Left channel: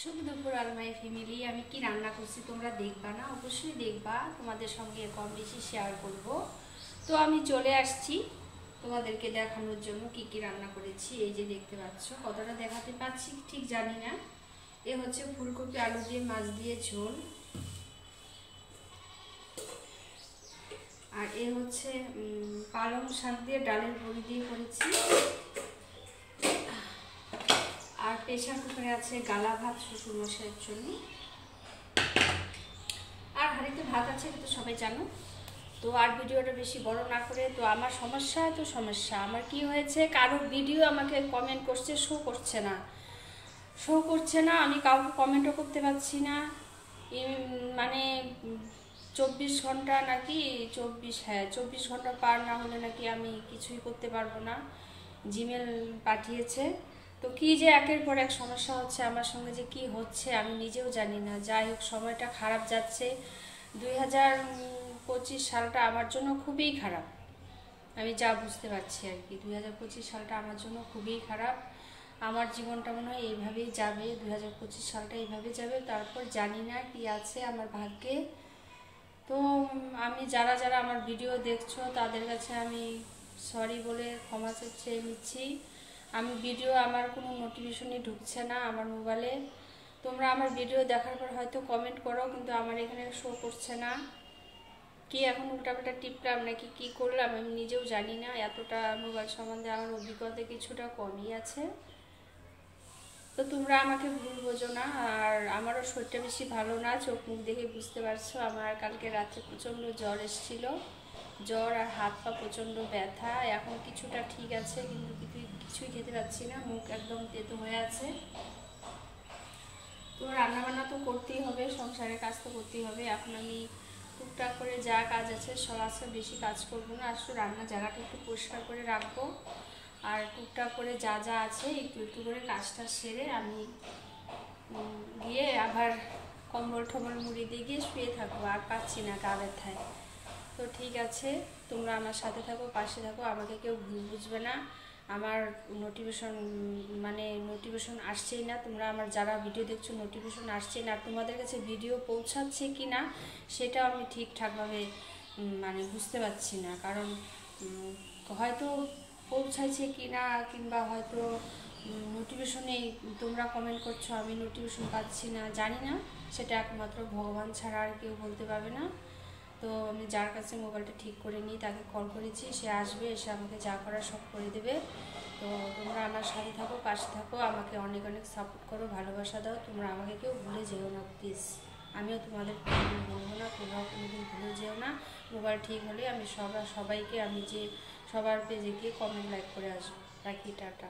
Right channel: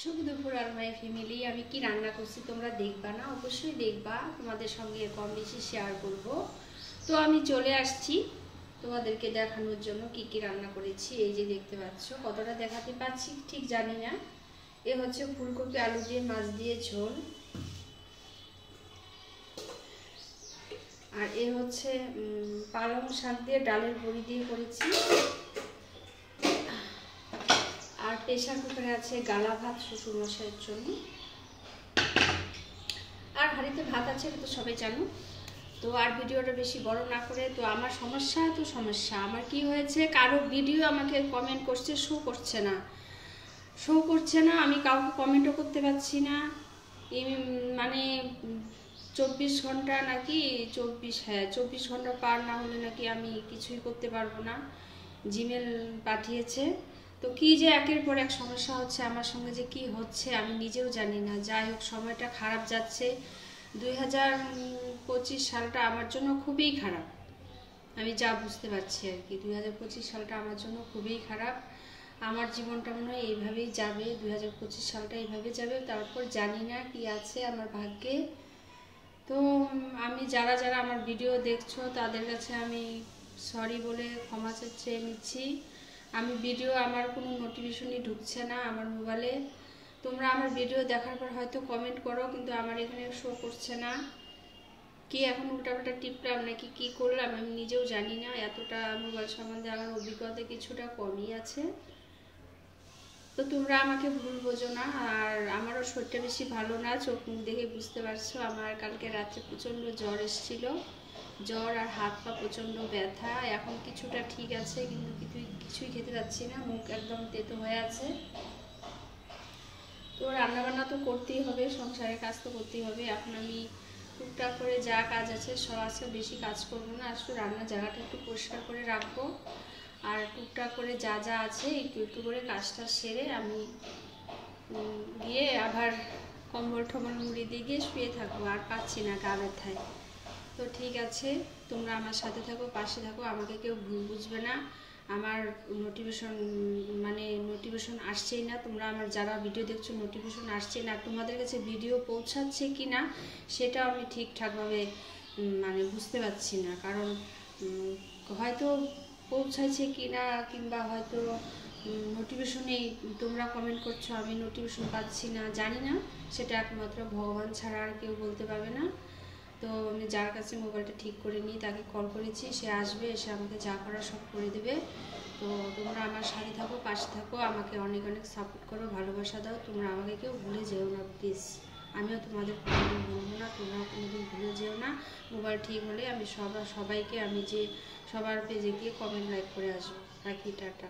শুভ দুপুর all my family. আমি কি রান্না করছি তোমরা দেখবা না? অবশ্যই দেখবা, তোমাদের সঙ্গে কম বেশি শেয়ার করব। তো আমি চলে আসছি তোমাদেরকে দেখানোর জন্য কি কি রান্না করেছি। এই যে দেখতে পাচ্ছ, কতটা দেখাতে পাচ্ছি ঠিক জানি না। এ হচ্ছে ফুলকপি আলু দিয়ে মাছ দিয়ে ঝোল, আর এ হচ্ছে পালং শাক দিয়ে ডালের বড়ি দিয়ে করেছি, আর প্রেশার কুকারে আছে গালা ভাত শ্বশুরমশাইয়ের জন্য, আর হাঁড়িতে ভাত আছে, এটা তো সবাই জানো। তো আর ভিডিওটা বেশি বড় না করে, তো আমার সমস্যা আমার কি হয়েছে, কারো ভিডিও আমাকে কমেন্ট করছে, শো করছে না, আমি কাউকে কমেন্টও করতে পারছি না। মানে 24 ঘন্টা নাকি 24 ঘন্টা পার না হলে নাকি আমি কিছুই করতে পারবো না। জিমেল পাঠিয়েছে, তো কি যে একের পর এক সমস্যা হচ্ছে আমার সঙ্গে, যে কি হচ্ছে আমি নিজেও জানি না। যাই হোক, সময়টা খারাপ যাচ্ছে। 2025 সালটা আমার জন্য খুবই খারাপ, আমি যা বুঝতে পারছি আর কি। 2025 সালটা আমার জন্য খুবই খারাপ। আমার জীবনটা মনে হয় এইভাবেই যাবে, 2025 সালটা এইভাবে যাবে। তারপর জানি না কি আছে আমার ভাগ্যে। তো আমি যারা আমার ভিডিও দেখছো তাদের কাছে আমি সরি বলে ক্ষমা চেয়ে নিচ্ছি। আমি ভিডিও, আমার কোনো নোটিফিকেশনই ঢুকছে না আমার মোবাইলে। তোমরা আমার ভিডিও দেখার পর হয়তো কমেন্ট করো, কিন্তু আমার এখানে শো করছে না। কি এখন উল্টাপাল্টা টিপলাম নাকি কি করলাম আমি নিজেও জানি না। এতটা মোবাইল সম্বন্ধে আমার অভিজ্ঞতা কিছুটা কমই আছে। তো তোমরা আমাকে ভুল বোঝো না। আর আমারও শরীরটা বেশি ভালো না, চোখ মুখ দেখে বুঝতে পারছো। আমার কালকে রাত্রে প্রচণ্ড জ্বর এসেছিল, জ্বর আর হাত পা প্রচণ্ড ব্যথা। এখন কিছুটা ঠিক আছে, কিন্তু কিছুই খেতে পাচ্ছি না, মুখ একদম তেতো হয়ে আছে। তো রান্নাবান্না তো করতেই হবে, সংসারের কাজ তো করতেই হবে। এখন আমি টুকটাক করে যা কাজ আছে সব, আজকে বেশি কাজ করবো না, আসলে রান্নার জায়গাটা একটু পরিষ্কার করে রাখবো। আর টুকটাক করে যা আছে একটু করে কাজটা সেরে আমি গিয়ে আবার কম্বল টম্বল মুড়ি দিয়ে গিয়ে শুয়ে থাকবো। আর পাচ্ছি না গা ব্যথায়। তো ঠিক আছে, তোমরা আমার সাথে থাকো, পাশে থাকো, আমাকে কেউ ভুল বুঝবে না। আমার নোটিফিকেশন আসছেই না। তোমরা আমার যারা ভিডিও দেখছো নোটিফিকেশন আসছেই না। তোমাদের কাছে ভিডিও পৌঁছাচ্ছে কি না সেটাও আমি ঠিকঠাকভাবে বুঝতে পারছি না। কারণ হয়তো পৌঁছাইছে কি না, কিংবা হয়তো নোটিফিকেশনেই তোমরা কমেন্ট করছো, আমি নোটিফিকেশন পাচ্ছি না, জানি না। সেটা একমাত্র ভগবান ছাড়া আর কেউ বলতে পারবে না। তো আমি যার কাছে মোবাইলটা ঠিক করে নিই তাকে কল করেছি, সে আসবে, এসে আমাকে যা করার সব করে দেবে। তো তোমরা আমার সাথে থাকো, পাশে থাকো, আমাকে অনেক অনেক সাপোর্ট করো, ভালোবাসা দাও। তোমরা আমাকে কেউ ভুলে যেও না প্লিজ। আমিও তোমাদের কোনোদিন ভুলবো না, তোমরাও কোনোদিন ভুলে যেও না। মোবাইল ঠিক হলে আমি সবাইকে, আমি যে সবার পেজে গিয়ে কমেন্ট লাইক করে আসবো। রাখি, টাটা।